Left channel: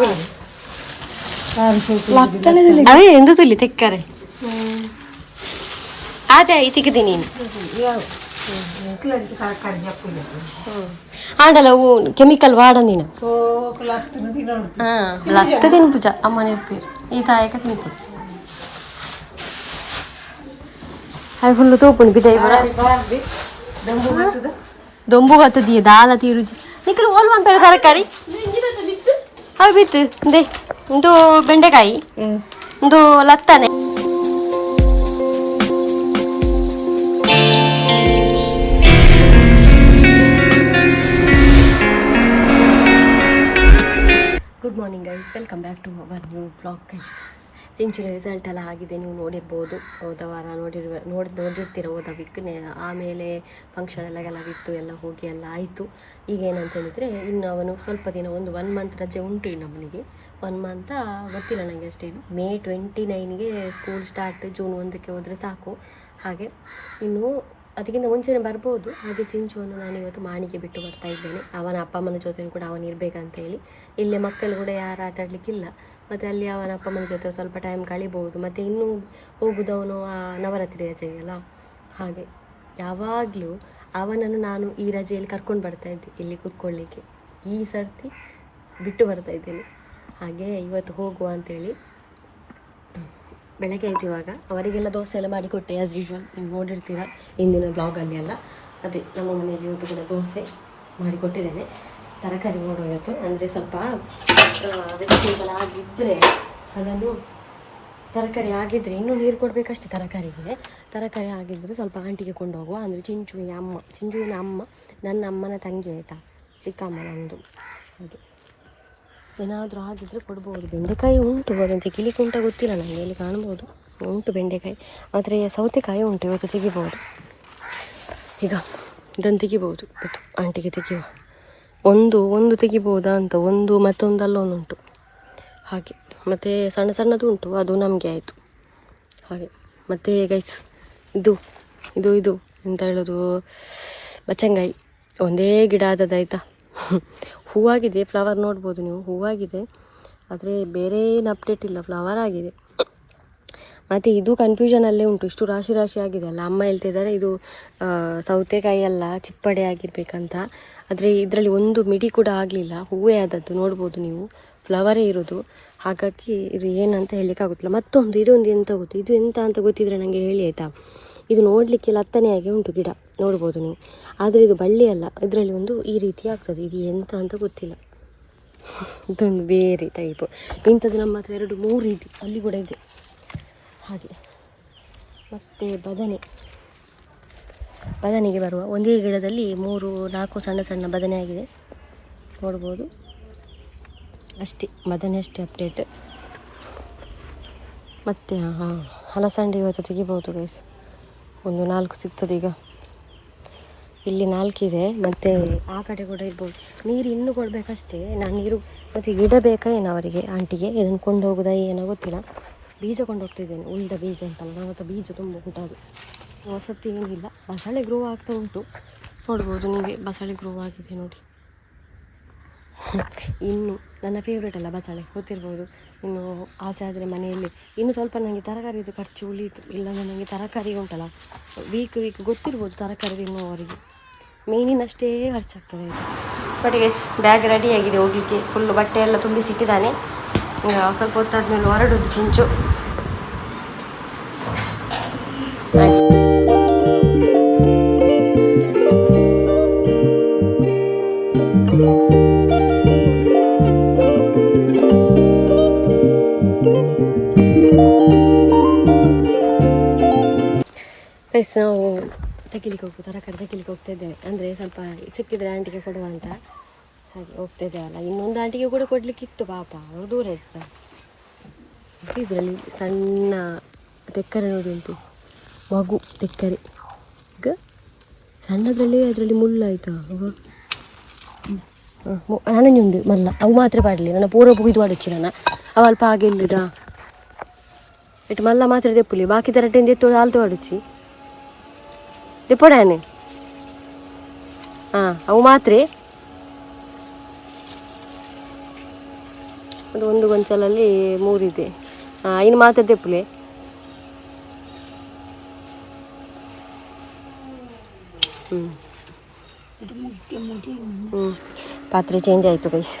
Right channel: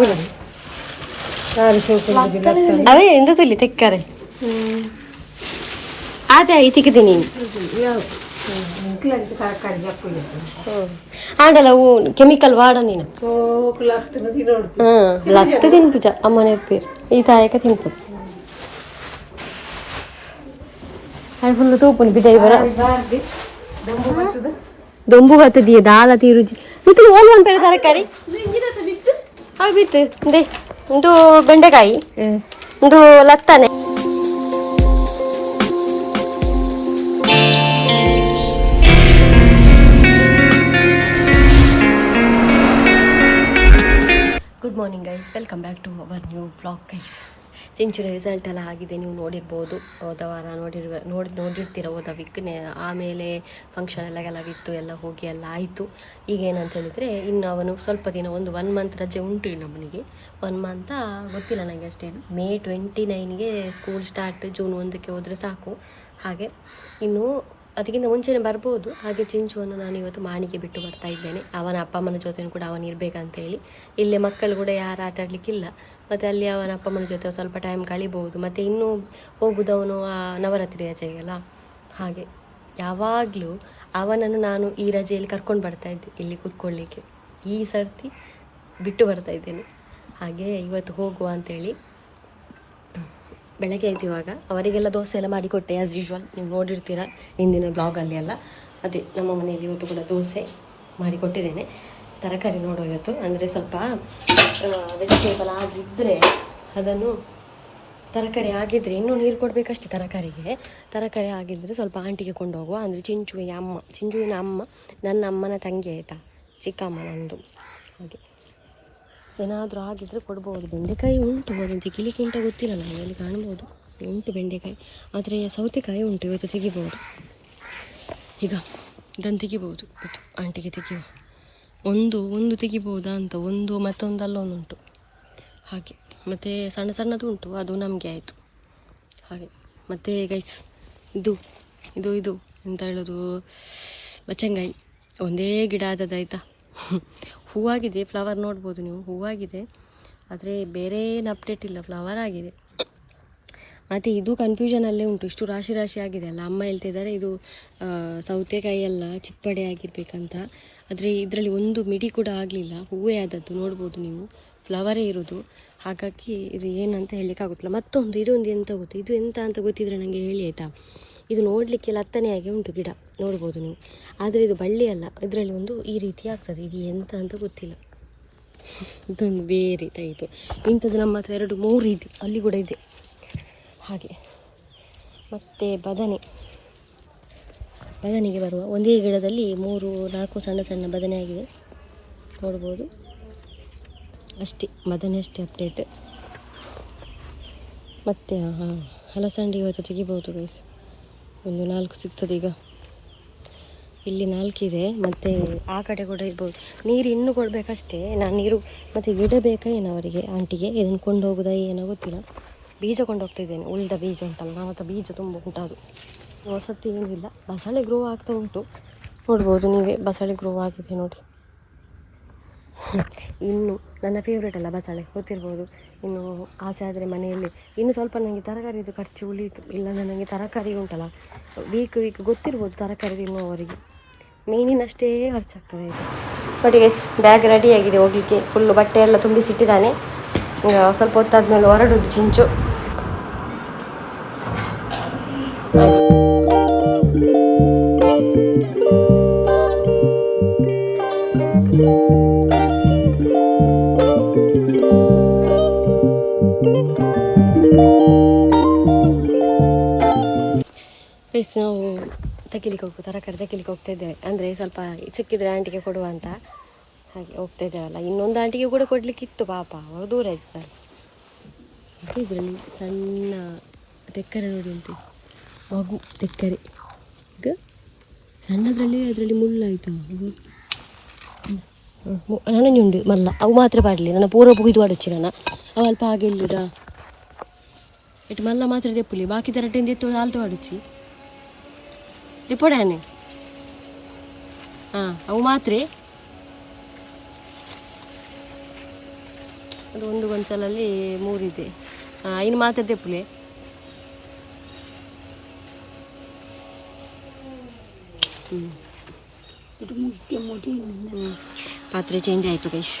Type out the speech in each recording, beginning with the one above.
ಪುಲಿ ಅವೇ ಎಂದು ತುಲಿ ತೆಕ್ಕರೆ ಅದೇ ಐತಿಕ್ಕಿದೆ ನೀನು ಆಂಡಲ್ಲ ಅವು ಕೆಮಿಕಲ್ ವಾಡಂದಿನ ಲತ್ತ ತಿನ್ಪುಜ ಅಮ್ಮ ನೆರ್ಪೇರು ಈ ತಾಯಕ ತಿನ್ಪು ಅದು ಫುಲ್ಲು ತೂಪುಂಡು ಬಿದ್ದೈ ಬರ ದೊಂಬು ಬತ್ತದಿಯ ದಾಲ ತೀರುಜಿ ನಿಖಿಲ್ ಓಲ್ ಉಂಟು ತರಕಾರಿ ಅವು ಬಿತ್ತು ಇಂದೇ ಒಂದು ಬೆಂಡೆಕಾಯಿ ಒಂದು ಲತ್ತನೆ good morning guys, welcome back to our new blog guys. ಚಿಂಚುನ ರಿಸಲ್ಟ್ ಎಲ್ಲ ಆಗಿದೆ, ನೀವು ನೋಡಿರ್ಬೋದು. ಹೋದ ವಾರ ನೋಡಿರ್ತೀರ ಹೋದ ವೀಕ್ನೇ. ಆಮೇಲೆ ಫಂಕ್ಷನ್ ಎಲ್ಲ ಇತ್ತು, ಎಲ್ಲ ಹೋಗಿ ಎಲ್ಲ ಆಯಿತು. ಈಗ ಏನಂತ ಹೇಳಿದರೆ ಇನ್ನು ಅವನು ಸ್ವಲ್ಪ ದಿನ ಒಂದು 1 ಮಂತ್ ರಜೆ ಉಂಟು ಇನ್ನು ಅವನಿಗೆ. 1 ಮಂತ ಗೊತ್ತಿಲ್ಲ ನನಗೆ ಅಷ್ಟೇನು. ಮೇ 29ಗೆ ಸ್ಕೂಲ್ ಸ್ಟಾರ್ಟ್, ಜೂನ್ 1ಕ್ಕೆ ಹೋದರೆ ಸಾಕು. ಹಾಗೆ ಇನ್ನು ಅದಕ್ಕಿಂತ ಮುಂಚೆನೇ ಬರ್ಬೋದು. ಹಾಗೆ ಚಿಂಚುವನ್ನು ನಾನು ಇವತ್ತು ಮಾಣಿಗೆ ಬಿಟ್ಟು ಬರ್ತಾ ಇದ್ದೇನೆ. ಅವನ ಅಪ್ಪ ಅಮ್ಮನ ಜೊತೆ ಕೂಡ ಅವನು ಇರಬೇಕಂತೇಳಿ. ಇಲ್ಲೇ ಮಕ್ಕಳು ಕೂಡ ಯಾರು ಆಟ ಆಡಲಿಕ್ಕಿಲ್ಲ, ಮತ್ತು ಅಲ್ಲಿ ಅವನ ಅಪ್ಪ ಅಮ್ಮನ ಜೊತೆ ಸ್ವಲ್ಪ ಟೈಮ್ ಕಳಿಬೋದು. ಮತ್ತು ಇನ್ನೂ ಹೋಗುದವನು ಆ ನವರಾತ್ರಿ ರಜೆಗೆಲ್ಲ. ಹಾಗೆ ಯಾವಾಗಲೂ ಅವನನ್ನು ನಾನು ಈ ರಜೆಯಲ್ಲಿ ಕರ್ಕೊಂಡು ಬರ್ತಾಯಿದ್ದೆ ಇಲ್ಲಿ ಕೂತ್ಕೊಳ್ಳಿಕ್ಕೆ. ಈ ಸರ್ತಿ ಬಿಟ್ಟು ಬರ್ತಾ ಇದ್ದೇನೆ. ಹಾಗೆ ಇವತ್ತು ಹೋಗುವ ಅಂಥೇಳಿ ಬೆಳಗ್ಗೆ ಆಯ್ತು. ಇವಾಗ ಅವರಿಗೆಲ್ಲ ದೋಸೆ ಎಲ್ಲ ಮಾಡಿಕೊಟ್ಟೆ ಆ್ಯಸ್ ಯೂಶ್ವಲ್, ನೀವು ನೋಡಿರ್ತೀರ ಇಂದಿನ ಬ್ಲಾಗಲ್ಲಿ ಎಲ್ಲ. ಅದೇ ನಮ್ಮ ಮನೆಯಲ್ಲಿ ಇವತ್ತು ಕೂಡ ದೋಸೆ ಮಾಡಿಕೊಟ್ಟಿದ್ದೇನೆ. ತರಕಾರಿ ನೋಡೋ ಇವತ್ತು, ಅಂದರೆ ಸ್ವಲ್ಪ ವೆಜಿಟೇಬಲ್ ಆಗಿದ್ದರೆ ಅದನ್ನು, ತರಕಾರಿ ಆಗಿದ್ದರೆ ಇನ್ನೂ ನೀರು ಕೊಡಬೇಕಷ್ಟೇ ತರಕಾರಿಗೆ. ತರಕಾರಿ ಆಗಿದ್ದರೆ ಸ್ವಲ್ಪ ಆಂಟಿಗೆ ಕೊಂಡು ಹೋಗುವ. ಅಂದರೆ ಚಿಂಚುವಿನ ಅಮ್ಮ ನನ್ನ ಅಮ್ಮನ ತಂಗಿ ಆಯಿತಾ, ಚಿಕ್ಕಮ್ಮ ನಂದು. ಹಾಗೆ ಏನಾದರೂ ಆಗಿದ್ದರೆ ಕೊಡ್ಬೋದು. ಬೆಂಡೆಕಾಯಿ ಉಂಟು, ಅದನ್ನು ತೆಗಿಲಿಕ್ಕೆ ಉಂಟ ಗೊತ್ತಿಲ್ಲ ನನಗೆ, ಎಲ್ಲಿ ಕಾಣ್ಬೋದು ಉಂಟು ಬೆಂಡೆಕಾಯಿ. ಆದರೆ ಸೌತೆಕಾಯಿ ಉಂಟು, ಇವತ್ತು ತೆಗಿಬೋದು. ಈಗ ಇದನ್ನು ತೆಗಿಬೋದು ಇವತ್ತು, ಆಂಟಿಗೆ ತೆಗಿಯುವ. ಒಂದು ತೆಗಿಬೋದಾ ಅಂತ, ಒಂದು ಮತ್ತೊಂದಲ್ಲ ಒಂದುಂಟು ಹಾಗೆ. ಮತ್ತು ಸಣ್ಣ ಸಣ್ಣದು ಉಂಟು, ಅದು ನಮಗೆ ಆಯಿತು ಹಾಗೆ. ಮತ್ತು ಗೈಸ್ ಇದು ಎಂತ ಹೇಳೋದು, ಬಚ್ಚಂಗಾಯಿ ಒಂದೇ ಗಿಡ ಆದದ್ದಾಯ್ತಾ. ಹೂವಾಗಿದೆ, ಫ್ಲವರ್ ನೋಡ್ಬೋದು ನೀವು, ಹೂವಾಗಿದೆ. ಆದರೆ ಬೇರೆ ಏನು ಅಪ್ಡೇಟ್ ಇಲ್ಲ, ಫ್ಲವರ್ ಆಗಿದೆ. ಮತ್ತು ಇದು ಕನ್ಫ್ಯೂಷನಲ್ಲೇ ಉಂಟು, ಇಷ್ಟು ರಾಶಿ ಆಗಿದೆ ಅಲ್ಲ. ಅಮ್ಮ ಹೇಳ್ತಿದ್ದಾರೆ ಇದು ಸೌತೆಕಾಯಿ ಎಲ್ಲ ಚಿಪ್ಪಡೆ ಆಗಿರ್ಬೇಕಂತ. ಆದರೆ ಇದರಲ್ಲಿ ಒಂದು ಮಿಡಿ ಕೂಡ ಆಗಲಿಲ್ಲ, ಹೂವೇ ಆದದ್ದು ನೋಡ್ಬೋದು ನೀವು, ಫ್ಲವರೇ ಇರೋದು. ಹಾಗಾಗಿ ಇದು ಏನಂತ ಹೇಳಲಿಕ್ಕಾಗುತ್ತಿಲ್ಲ. ಮತ್ತೊಂದು ಇದೊಂದು ಎಂತ ಗೊತ್ತು, ಇದು ಎಂತ ಅಂತ ಗೊತ್ತಿದ್ರೆ ನನಗೆ ಹೇಳಿ ಆಯಿತಾ. ಇದು ನೋಡಲಿಕ್ಕೆ ಲತ್ತನೆಯಾಗಿ ಉಂಟು ಗಿಡ, ನೋಡ್ಬೋದು ನೀವು. ಆದರೆ ಇದು ಬಳ್ಳಿ ಅಲ್ಲ, ಇದರಲ್ಲಿ ಒಂದು ಈ ರೀತಿ ಆಗ್ತದೆ. ಇದು ಎಂತ ಅಂತ ಗೊತ್ತಿಲ್ಲ, ಇದೊಂದು ಬೇರೆ ಟೈಪು. ಇಂಥದ್ದು ನಮ್ಮ ಹತ್ರ 2-3 ಇದೆ, ಅಲ್ಲಿ ಕೂಡ ಇದೆ ಹಾಗೆ. ಮತ್ತು ಬದನೆಗೆ ಬರುವ ಒಂದೇ ಗಿಡದಲ್ಲಿ 3-4 ಸಣ್ಣ ಬದನೆ ಆಗಿದೆ, ನೋಡ್ಬೋದು ಅಷ್ಟೇ. ಬದನೆ ಅಷ್ಟೇ ಅಪ್ಡೇಟ್. ಮತ್ತು ಹಲಸಂಡೆ ಇವತ್ತು ತೆಗಿಬೋದು ಗೈಸ್, ಒಂದು 4 ಸಿಗ್ತದೆ. ಈಗ ಇಲ್ಲಿ 4 ಇದೆ, ಮತ್ತು ಆ ಕಡೆ ಕೂಡ ಇರ್ಬೋದು. ನೀರು ಇನ್ನೂ ಕೊಡಬೇಕಷ್ಟೇ ನಾನು, ನೀರು ಮತ್ತು ಗಿಡ ಬೇಕಾ ಏನೋ ಅವರಿಗೆ, ಆಂಟಿಗೆ. ಇದನ್ನು ಕೊಂಡು ಹೋಗೋದಾ ಏನೋ ಗೊತ್ತಿಲ್ಲ. ಬೀಜ ಕೊಂಡು ಹೋಗ್ತಿದ್ದೇನೆ, ಉಳಿದ ಬೀಜ ಉಂಟಲ್ಲ, ನಮ್ಮ ಹತ್ರ ಬೀಜ ತುಂಬ ಉಂಟದು. ವಸತಿ ಏನಿಲ್ಲ, ಬಸಳೆ ಗ್ರೋ ಆಗ್ತಾ ಉಂಟು, ನೋಡ್ಬೋದು ನೀವೇ. ಬಸಳೆ ಗ್ರೋ ಆಗಿದೆ ನೋಡಿ. ಇನ್ನು ನನ್ನ ಫೇವ್ರೇಟ್ ಅಲ್ಲ ಬಸಳೆ, ಗೊತ್ತಿರ್ಬೋದು. ಇನ್ನು ಆಸೆ ಆದರೆ ಮನೆಯಲ್ಲಿ ಇನ್ನು ಸ್ವಲ್ಪ ನನಗೆ ತರಕಾರಿದು ಖರ್ಚು ಉಳಿಯಿತು. ಇಲ್ಲ ನನಗೆ ತರಕಾರಿ ಉಂಟಲ್ಲ, ವೀಕ್ ಗೊತ್ತಿರ್ಬೋದು ತರಕಾರಿ ತಿನ್ನುವವರಿಗೆ, ಮೇನಿನಷ್ಟೇ ಖರ್ಚಾಗ್ತದೆ ಆಯಿತು. ಬಟ್ ಎಸ್ ಬ್ಯಾಗ್ ರೆಡಿ ಆಗಿದೆ ಹೋಗಲಿಕ್ಕೆ. ಫುಲ್ಲು ಬಟ್ಟೆ ಎಲ್ಲ ತುಂಬಿಸಿಟ್ಟಿದ್ದಾನೆ. ಸ್ವಲ್ಪ ಹೊತ್ತಾದ್ಮೇಲೆ ಹೊರಡೋದು ಚಿಂಚು. ನಾವು ತರಕಾರಿ ತೆಗಿಲಿಕ್ಕೆ ಹೋಗ್ತಾ ಇದ್ದೇವೆ. ಅಂದರೆ ಸ್ವಲ್ಪ ಸಿಕ್ಕಿದ್ರೆ ಆಂಟಿಗೆ ಕೊಡುವ ಅಂತ ಹಾಗೆ ಹೋಗ್ತಾ ಇದ್ದೇವಲ್ಲ. ಇನ್ನೊಂದು ಆಂಟಿಗೆ ಕೂಡ ಕೊಡಲಿಕ್ಕಿತ್ತು, ಪಾಪ ಅವರು ದೂರ ಇರ್ತಾರೆ. ಇದರಲ್ಲಿ ಸಣ್ಣ ತೆಕ್ಕರೆ ನೋಡಿ ಹೇಳ್ತೀವಿ, ಮಗು ತೆಕ್ಕರೆ. ಈಗ ಸಣ್ಣದ್ರಲ್ಲಿ ಅದರಲ್ಲಿ ಮುಳ್ಳಾಯ್ತಾ, ನನಂಜುಂಡು ಮಲ್ಲ ಅವು ಮಾತ್ರ ಪಾಡಲಿ. ನನ್ನ ಪೂರ್ವ ಇದು ಆಡೋಚ್ಚಿ ನನ್ನ ಅವು ಅಲ್ಪ ಹಾಗೆ ಇಲ್ಲಿಡ ಇಟ್ಟು ಮಲ್ಲ ಮಾತ್ರ ತೆಪ್ಪುಲಿ, ಬಾಕಿ ತರಟೆಯಿಂದ ಎತ್ತು ಹಾಲ್ತು ಆಡೋಚ್ಚಿ ತೆಪ್ಪಡಾನೆ. ಅವು ಮಾತ್ರ ಅದು ಒಂದು ಗೊಂಚಲಲ್ಲಿ 3 ಇದೆ. ಇನ್ನು ಮಾತಾಡ್ದೆ ಪುಲೆ ಪಾತ್ರೆ ಚೇಂಜ್ ಆಯಿತು ಗೈಸ್.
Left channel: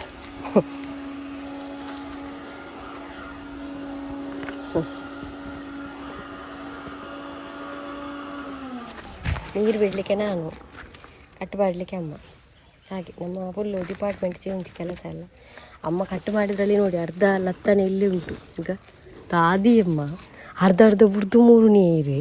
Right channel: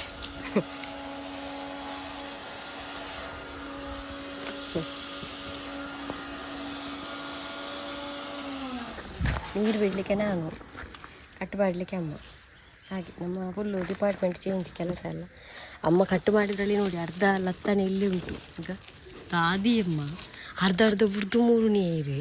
ನೀರು ಬಿಡಲಿಕ್ಕೆ ನಾನು, ಕಟ್ಟು ಮಾಡಲಿಕ್ಕೆ ಅಮ್ಮ. ಹಾಗೆ ನಮ್ಮ ಫುಲ್ಲು ಡಿಪಾರ್ಟ್ಮೆಂಟ್ ಚೇಂಜ್ ಕೆಲಸ ಎಲ್ಲ. ಅಮ್ಮ ಕಟ್ಟು ಮಾಡಿದ್ರಲ್ಲಿ ನೋಡಿ ಅರ್ಧ ಲತ್ತನೆ ಇಲ್ಲೇ ಉಂಟು. ಈಗ ದಾದಿ ಅಮ್ಮ ಅರ್ಧ ಬುಡ್ದು 3 ನೀರು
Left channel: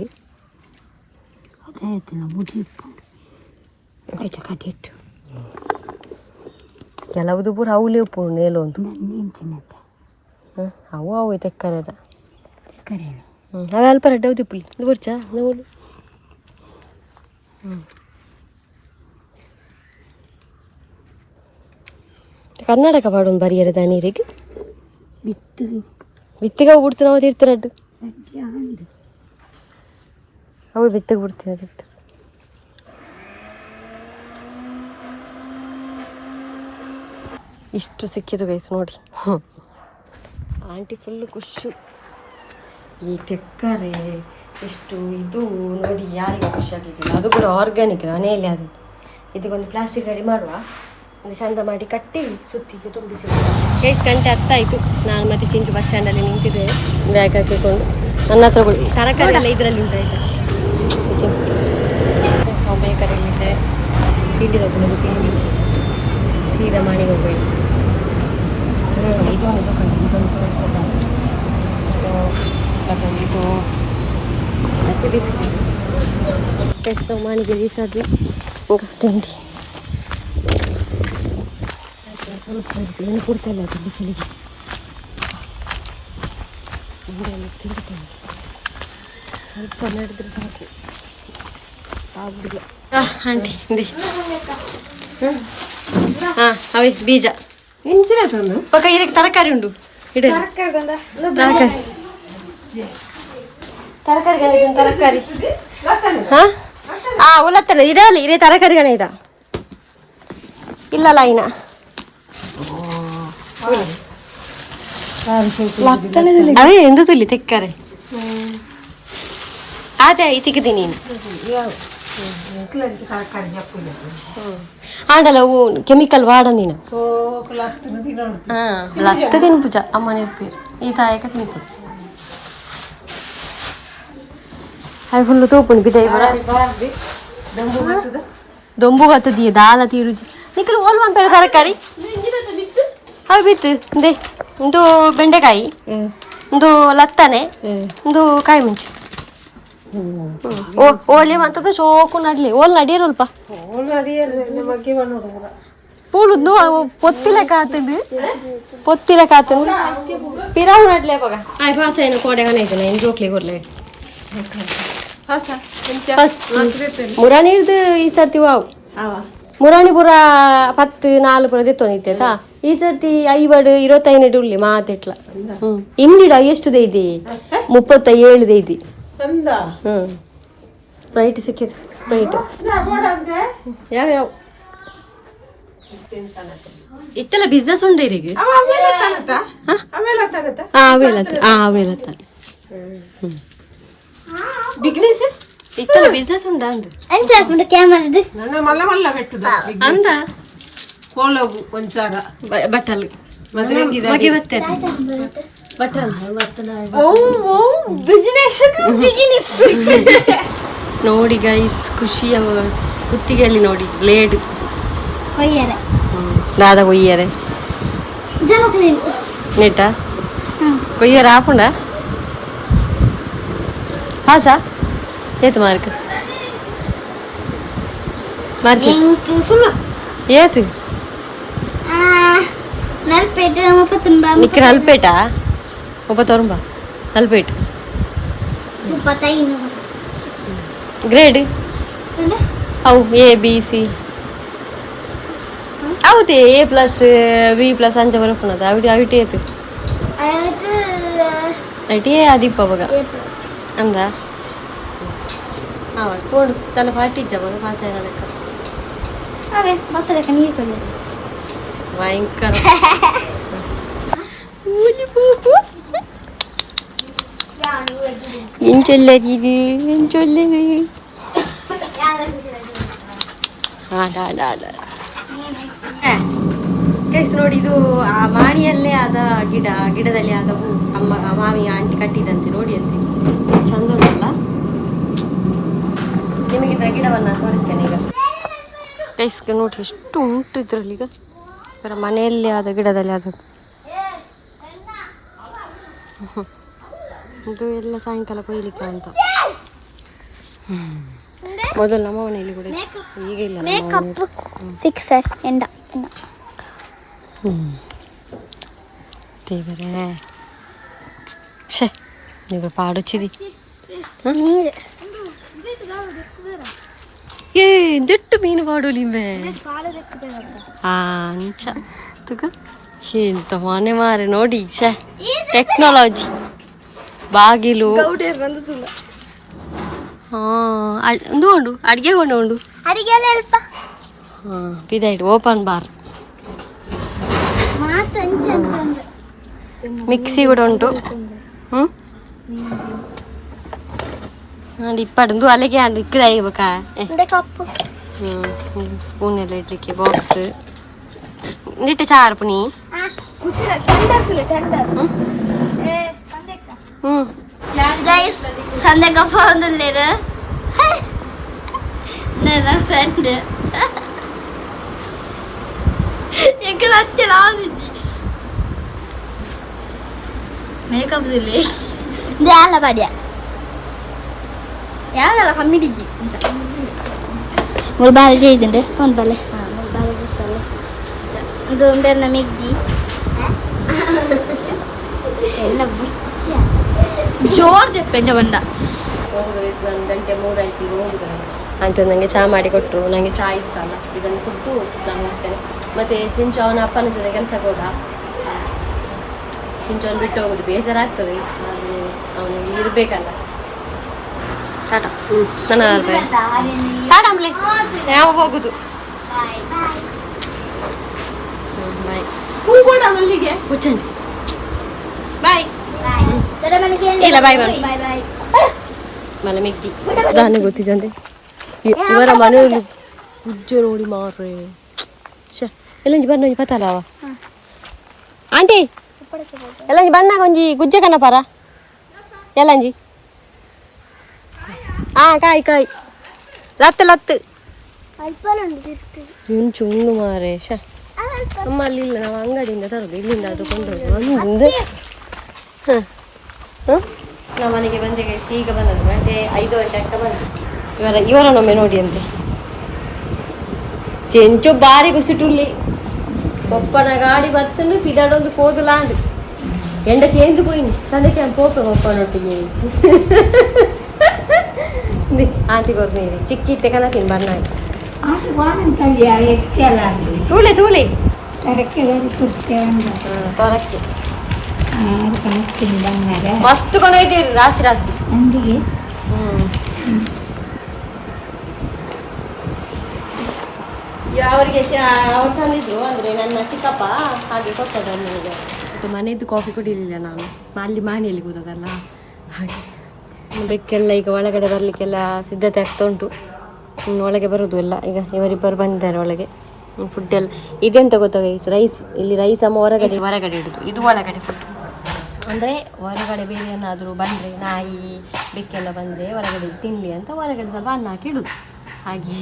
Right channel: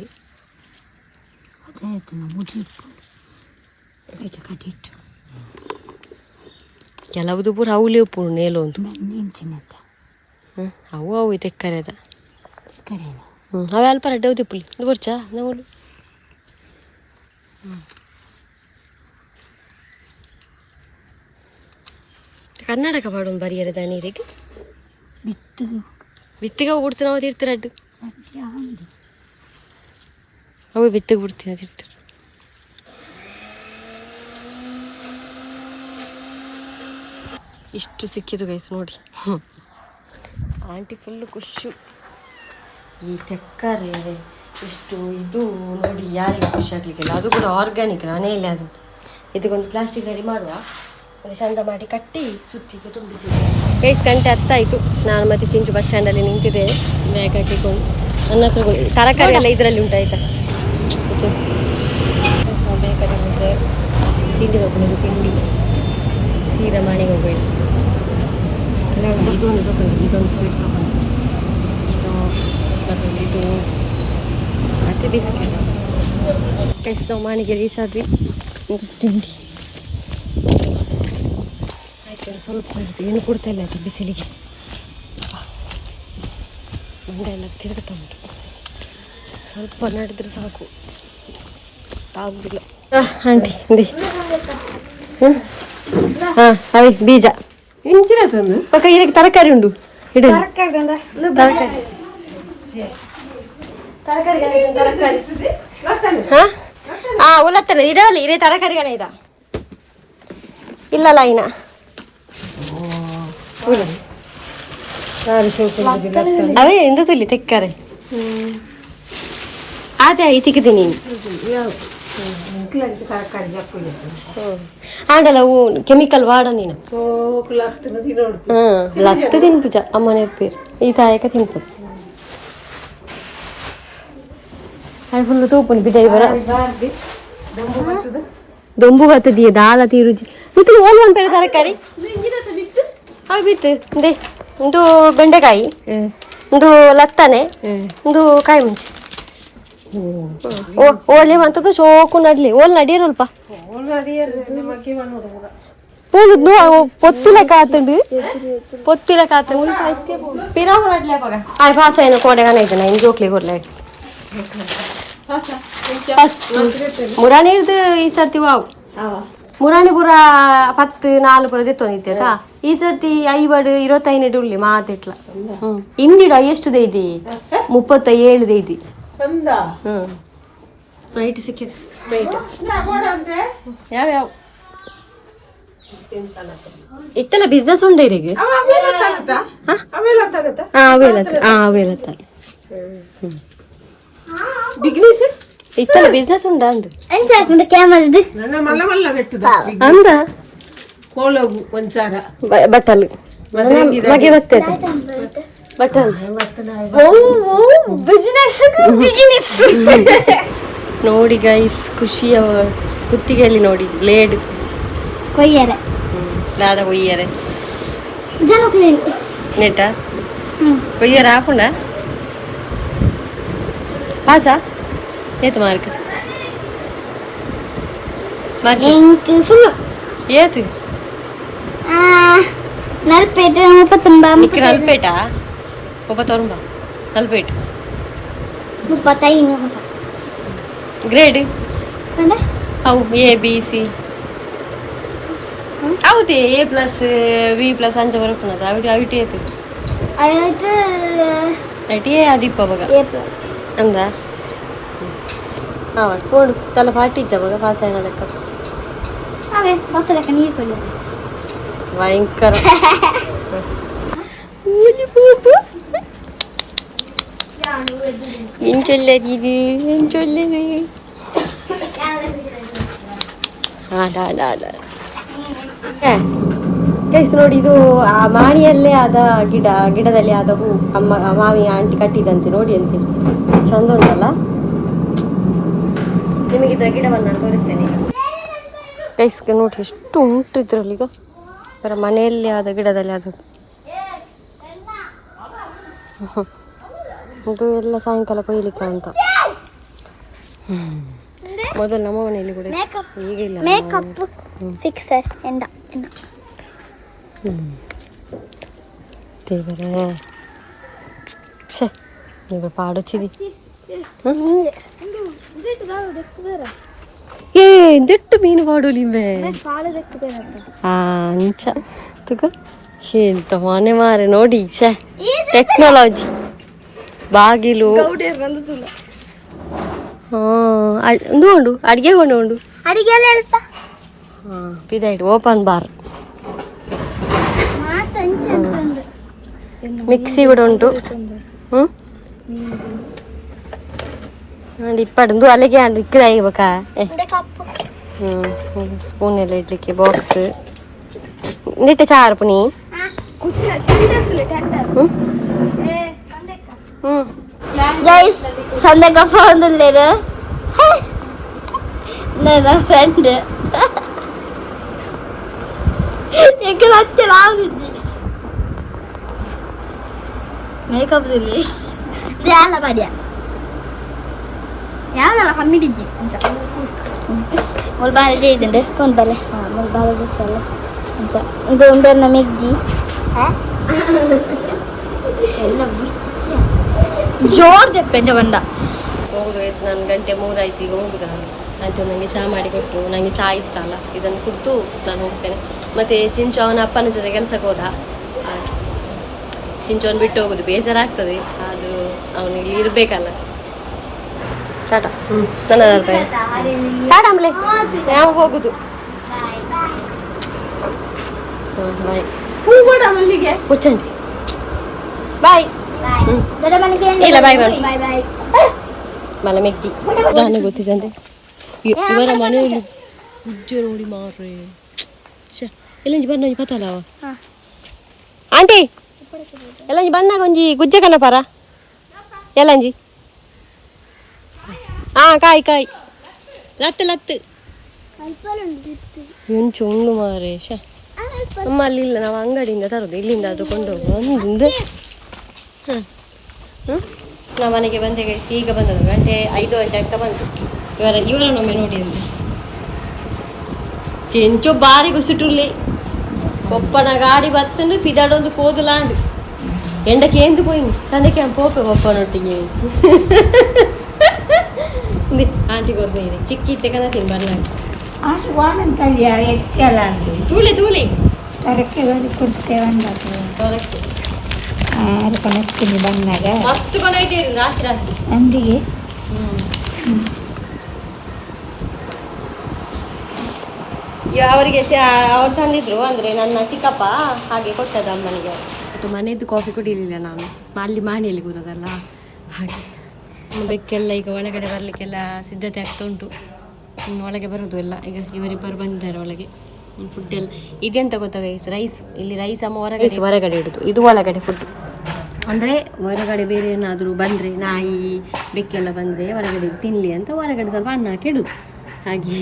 ಕೆಲವುದು ಪೂರ ಅವಲಿ ಉಪ್ಪು ನೇಲು ಉಂಟು. ಅವು ತೆಕ್ಕರೆದ ಅವೇ ಅಲ್ಪ ರೆಡ್ಡ ಉಪ್ಪುಲಿ ಇದು ಬರ್ಚಾ ನಾವು. ಕರ್ನಾಟಕ ಪಾಡೊಂದು ಬರಿಯರದ ನೀರಿದ್ದು ಬಿತ್ತಿಗೆ ಅವು ಬಿಡ್ತೀವಿ ನಾವು ತೀರ್ತಿರಡ್ಡು ಅವು ಬಿತ್ತಿಗೆ ಬಿಡ್ತೀವಿ ತೀರ್ತಿರು. ಇಷ್ಟು ಸಿಕ್ಕಿತು ಗೈಸ್ ನೋಡಿ. ಆಂಟಿ ಫುಲ್ಲು ಖುಷಿ. ಈ ತೆಕ್ಕರೆ ಇಷ್ಟು ಇದು ನೋಡಿ ಯಾರಿಲ್ಲ ಖುಷಿ ಆಗಲಿಕ್ಕಿಲ್ಲ. ಅದು ಕೂಡ ಆರ್ಗ್ಯಾನಿಕ್ ಮನೆಯಲ್ಲೇ ಅದು. ಇದಕ್ಕೊಂದು ಪ್ಲಾಸ್ಟಿಕ್ ರೆಡಿ ಮಾಡುವ, ಅದು ಚಂದ ಮಾಡಿ ಕಟ್ಟಿ ಸುತ್ತಿಗೆ ತುಂಬಿಸಿ. ಗೈಸ್ ಗಂಟೆ 10 ಆಯಿತು. ನಾನು ಮತ್ತೆ ಚಿಂಚು ಬಸ್ ಸ್ಟ್ಯಾಂಡಲ್ಲಿ ನಿಂತಿದ್ದೇವೆ ಬ್ಯಾಗ್ ಹಾಕಿಕೊಂಡು. ನನ್ನ ಹತ್ರ ತರಕಾರಿ ಎಲ್ಲ ಇದರಲ್ಲಿ ಉಂಟು ಆಯಿತಾ. ನಾವು ಬೇಕರಿಲ್ಲಿದ್ದೆ ತಿಂಡಿ ತಗೊಂಡು ತಿಂಡಿ ಸೀದಾ ಮನೆಗೆ ಹೋಗ್ಬೇಕು. ಇದೊಂದು ಸ್ವೀಟ್ ತಗೊಂಡು ಇದು ಮತ್ತೊಂದು ಇದು ಮತ್ತು ಬಿಸ್ಕೆಟ್ ಅಷ್ಟೇ. ಗೈಸ್ ನಾವು ಮನೆಗೆ ರೀಚ್ ಆದ್ವಿ. ತಿಂಡಿ ಆಯಿತು. ಸ್ವಲ್ಪ ಏನು ಕೊಡ್ತಾ ಇಲ್ಲ ಆಯಿತು ಬಿಸಿಲಿಗೆ. ಮಂಡೆ ಎಲ್ಲ ತಿರುಗ್ತಾ ಉಂಟು. ಸ್ವಲ್ಪ ನಡೆದ್ರೆ ಸಾಕು ಆಗುದಿಲ್ಲ. ಆಂಟಿ ಹಾಂ ಅದೇ ಬೀಜ ಪಕ್ಕ ಇದಕ್ಕೆ ತರಕಾರಿ ಉಂಟು. ಇಡು ತರಕಾರಿ ತರಕಾರಿ ಹಾಂ ಉಲ್ಲತ್ತಲ್ಲ ಇಡಲಿ ಇರೇ ತರಕಾರಿಗಣ ಇದ ಇಲ್ಲಲ್ಲ ಇನ್ನ ಅವೇ ಎಂದು ತುಲ್ಲಿ ತೆಕ್ಕರೆ ಅದೇ ಐತಿಕ್ಕಿದೆ ನೀನು ಆಂಡಲ್ಲ ಹೂ ಕೆಮಿಕಲ್ ವಾಡ ನೀನು ಹಾಂ ಲತ್ತ ತಿನ್ಪುಜ ಅಮ್ಮನ ಇರ್ಪೇರು ಈ ತಾಯಕ ತಿನ್ಪು ಅದು ಫುಲ್ಲು ತೂಪುಂಡು ಬಿದ್ದೈ ಬರ ದೊಂಬು ಬತ್ತದಿಯ ದಾಲ ತೀರುಜಿ ನಿಖಿಲ್ ಓಲ್ ಒಂದು ಬೇರೆ ತರಕಾರಿ ಅವು ಬಿತ್ತು ಅಂದೆ ಒಂದು ಬೆಂಡೆಕಾಯಿ ಒಂದು ಲತ್ತನೆ ಒಂದು ಕಾಯಿ ಮುಂಚೆ ಓಲಿ ಅಂತದ್ದು ಶೋಕು ನಡ್ಲಿ ಓಲ್ ನಡಿಯರು ಅಲ್ಪ ಪೂಲುದ್ನು ಪೊತ್ತಿಲೆ ಕಾತಂಡು ಪಿರಾವ್ ನಡ್ಲೆ ಬಗ ಆಯ್ ಭಾಷ ಏನೋ ಕೋಡೆಗನ ಇದ್ದಾನೆ ಏನು ಜೋಕ್ಲಿ ಕೊಡ್ಲೆ ಮುರಾಣಿರ್ದು ಈ ಸರ್ತಿ ವಾವು ಮುರಾಣಿ ಪೂರ 10-4 ಪುರ ತೆತ್ತೊಂದಿತ್ತೇತಾ ಈ ಸರ್ತಿ 25 ಉಳ್ಳಿ ಮಾತೆಟ್ಲ ಇಂದಿಡ ಎಷ್ಟು ದೈದಿ 37 ದೈದಿ ಸ್ಪ್ರೈಟ್ ಸಿಕ್ಕಿದೆ ಸ್ಪ್ರೈಟ್ ಯಾವ್ಯಾವ ಇತ್ತಲ್ಲ ಬಿಸ್ನೆಸ್ ಉಂಡ ಇರಿಗೆ ಅವೇಲತ್ತ ಬಿಗ್ನೆಸ್ ಇತ್ತಲ್ಲ ಬಿಸ್ನೆಸ್ ಉಂಡ ಅಂದ ಅಂದ ಕೋಲೋಗು ಒಂದ್ಸಾರ ಬಟ್ಟಲು ಮಗೆ ಗೊತ್ತಾಯ್ತ ನೋಡಿ ಗೈಸ್ ಖುಷಿಯ ಕುತ್ತಿಗೆಯಲ್ಲಿ ನೋಡಿ ಬ್ಲೇಡ್ ಕೊಯ್ಯರೆ ದಾದ ಕೊಯ್ಯರೆ ನೆಟ್ಟ ಕೊಯ್ಯರೆ ಆಪುಂಡ ಹಾಸ ಏತು ಮಾರ್ಕ್ ಏತು ನಲ್ಪೇಟ ನಿಕ್ಕ ನಲ್ಪೇಟಾ 34 ನಲ್ಪೇಟು 35 ಗ್ರೇಡ್ ಅವು ABC ಹೌದು A+B+ ಅಂಚೆ ಬರೋದು ಅವಿಟಿ ಏತು ಐಟಿ ಆದಿಪ್ಪ ಬಗ ಅಂದ ಕೋಡು ತಲೆ ಪಾಟಿಜ್ಜ ಬಗ ಪಾಸ್ ಆಯ್ನ ಲೆಕ್ಕ ಭಯಂಕರ ಎಂಚೊಲ್ಲೆಗೆ ಗೈಸ್ ನೋಡಿ, ಇದು ಆ ಮಾಣಿಯಲ್ಲೇ ಆದ ಗಿಡದಲ್ಲಿ ಆದ ಹೂ ಮಾವಿ ಆಂಟಿ ಕಟ್ಟಿದಂತೆ ನೋಡಿ ಅಂತೆ. ಚಂದ ಉಂಟಲ್ಲ. ನಿಮಗಿದ ಗಿಡವನ್ನು ನಾನು ತೋರಿಸ್ತೇನೆ ಈಗ. ಗೈಸ್ಗೆ ನೋಡಿ ಎಷ್ಟು ಉಂಟು ಇದ್ರಲ್ಲಿ. ಈಗ ಅವರ ಮನೆಯಲ್ಲಿ ಆದ ಗಿಡದಲ್ಲಿ ಆದದ್ದು. ಇದು ಎಲ್ಲ ಸಾಯಂಕಾಲ ಕೊಯ್ಲಿಕ್ಕೆ ಅಂತ. ಮೊದಲು ನಮ್ಮ ಮನೆಯಲ್ಲಿ ಕೂಡ ಈಗ ಇಲ್ಲ. ದೇವರೇ, ನೀವು ಪಾಡೊಚ್ಚಿದಿ. ದೆಟ್ಟು ಮೀನು ಪಾಡೋಲಿಂಬೆ ಅಂಚ ತುಗ ಎಂತ ಮನೆ ಮಾರೆ ನೋಡಿ. ಟೆಕ್ನಾಲಜಿ ಬಾಗಿಲು ಒಂದು ಉಂಡು ಅಡಿಗೆ ಉಂಡು ಪಿದಾಯ್ತು ಓಪನ್ ಬಾರ್. ಮಿಕ್ಸಿ ಕೂಡ ಉಂಟು. ಇಪ್ಪಡು ಅಲ್ಲಿಗೆ ಇಕ್ಕದಾಗಿಬೇಕಾ. ಸ್ಪೂನ್ ಎಲ್ಲ ಇಡ್ಲಿಕ್ಕೆ ಬಾಕ್ಸ್ ನಿಟ್ಟೆ ಚಾರು ಪುನಿ. ಸಂದಕಪ್ಪ ಒಂದಿಲ್ಲೇರು ನನ್ನ ಫ್ರೆಂಡ್ ಎక్కడ ಹತ್ತಿರ ಆಗಿದ್ದಿ ಮೇಕಪ್ ಇಲ್ಲಿ ಯಾಲ ಪಡ್ಯ ಯಾವೆಲ್ಲ ಕಮ್ಮಿಡಿದ್ದಿ ಅಂತ ಮುಲ್ಬಾಲೆ ചെയ്തിട്ടുണ്ട് കൊണ്ടല്ലേ മുൽബാല ജസ്റ്റല്ല ഇത് ഉണ്ടായിരുന്ന മെഗ്ദി എല്ലാം ಜೋರ್ ತೆಪ್ಪೆಂಜ ಬಂಡ ಹೋಗುದು. ನಾನು 2:03 ಆಯ್ತು ಈಗ ಹೋಗುದು. ಆಂಟಿ ನನಗೆ ಚಹಾ ಮಾಡಿ ಕೊಟ್ಟರು. ನನಗೆ ಚಹಾ ಇಷ್ಟ ಅಲ್ಲ, ಇದನ್ನು ಕುದ್ದು ನಾನು ಹೋಗ್ತೇನೆ. ಮತ್ತು ಚಿಂಚು ಅವನ ಅಪ್ಪನ ಜೊತೆ ಕೆಲಸಕ್ಕೆ ಹೋದ. ಚಿಂಚು ಅವನು ಬಿಟ್ಟು ಹೋಗೋದು ಬೇಜಾರಾಗ್ತದೆ, ಅದು ಅವನಿಗೆ ಇರಬೇಕಲ್ಲ. ಟಾಟ. ನನ್ನ ಟಾಟ ಆಮೇಲೆ ಯಾವ ಹೋಗುದು. ಬಾಯ್ ಮುಚ್ಚಂಡಿ. ಬಾಯ್. ಇಲ್ಲ ಬಾಯ್ ಬಾಯ್ ಮಲ ಮೆಗ್ದಿ ದಾನೆ ಗೊತ್ತಿದ್ದಂತೆ. ಇವರ ಮನೆಯಲ್ಲಿ ಉಜ್ಜೆ ನೋಡಿ ಮಾರ್ರೆ. ಎಲ್ಲಂಜಿ ಬಣ್ಣ ಪತ್ತಲ್ಲವ ಆಂಟಿ ಎಲ್ಲಂಜಿ ಬಣ್ಣಾಗ ಒಂಜಿ ಗುಜ್ಜೆ ಕನ್ನಪಾರ ಎಲ್ಲಂಜಿ. ಕಾಯಿ ಕಾಯಿ ಲತ್ತು ಎಂಚು ಉಂಡು ಮಾರೆ. ಅಮ್ಮ ಅಲ್ಲಿಲ್ಲ, ನಾವು ಅಂಗಡಿಯಿಂದ ತರೋದು, ಇಲ್ಲಿಂದ ಆದರೂ ಕೊಂಡೋಗುವ ಒಂದು. ನಾವು ಮನೆಗೆ ಬಂದೆ ಗೈಸ್, ಈಗ ಬಂದದ್ದು 5 ಗಂಟೆ ಆಗ್ತಾ ಬಂದು. ಇವರನ್ನೊಮ್ಮೆ ನೋಡಿ ಅಂತೆ. ಚೆಂಚು ಬಾರಿ ಕುಸಿಟುಲ್ಲಿ ಕೊಪ್ಪನ ಗಾಡಿ ಬತ್ತಂಡು ಪಿದಾಡೊಂದು ಕೋದುಲಾಂಡು ಎಂಡಕ್ಕೆ ಎಂದು ಪೋಯಿನಿ ತಂದಕ್ಕೆ ಪೋಪೆ ಕೊಪ್ಪನೊಟ್ಟಿಗೆ ಆಂಟಿ ಕೊರ್ನೀರಿ ಚಿಕ್ಕಿತ್ತೆ ಕನತೀನಿ ಬನ್ನಾಗ ತೂಳೆ ತೂಳೆ ತೊರಕ್ಕೆ ಮಸ್ತ್ ಕೊಂಡೊಯ್ತೀರಿ ರಾಶಿ ರಾಶಿ. ಅವರಿಗೆ ಅವ್ರು ತಂದಿದ್ರು, ಅಂದರೆ ನನ್ನ ಚಿಕ್ಕಪ್ಪ ಹಾಗೆ ಕೊಟ್ಟದ್ದು ಅಮ್ಮನಿಗೆ. ಮತ್ತು ಮನೆಯದ್ದು ಕಾಫಿ ಕುಡಿಲಿಲ್ಲ ನಾನು, ಅಲ್ಲಿ ಮನೆಯಲ್ಲಿ ಕೂತದಲ್ಲ ಹಾಗೆ. ಬೆಕ್ಕೆಲ್ಲ ಈಗ ಒಳಗಡೆ ಬರಲಿಕ್ಕೆಲ್ಲ ಸಿದ್ಧತೆ ಆಗ್ತಾ ಉಂಟು. ಒಳಗೆ ಬರೋದು ಎಲ್ಲ. ಈಗ ಇವರಿಬ್ಬರು ಬಂದಿದ್ದಾರೆ ಒಳಗೆ. ಫುಡ್ಡೆಲ್ಲ ಇದೆಂತ ಗೊತ್ತಾಗ ರೈಸ್, ಇಲ್ಲಿ ರೈಸ್ ಅಮ್ಮ ಹೊರಗಡೆ ಇಡೋದು, ಇದು ಒಳಗಡೆ ಫುಡ್. ಅಂದರೆ ಹೊರಗಡೆ ಬೇರೆ ಏನಾದರೂ ಬಂದರೆ ನಾಯಿ ಬೆಕ್ಕೆಲ್ಲ ಬಂದರೆ ಹೊರಗಡೆ ತಿನ್ನಲಿ ಅಂತ ಹೊರಗಡೆ ಸ್ವಲ್ಪ ಅನ್ನ ಹಾಕಿ ಇಡೋದು ಹಾಗೆ.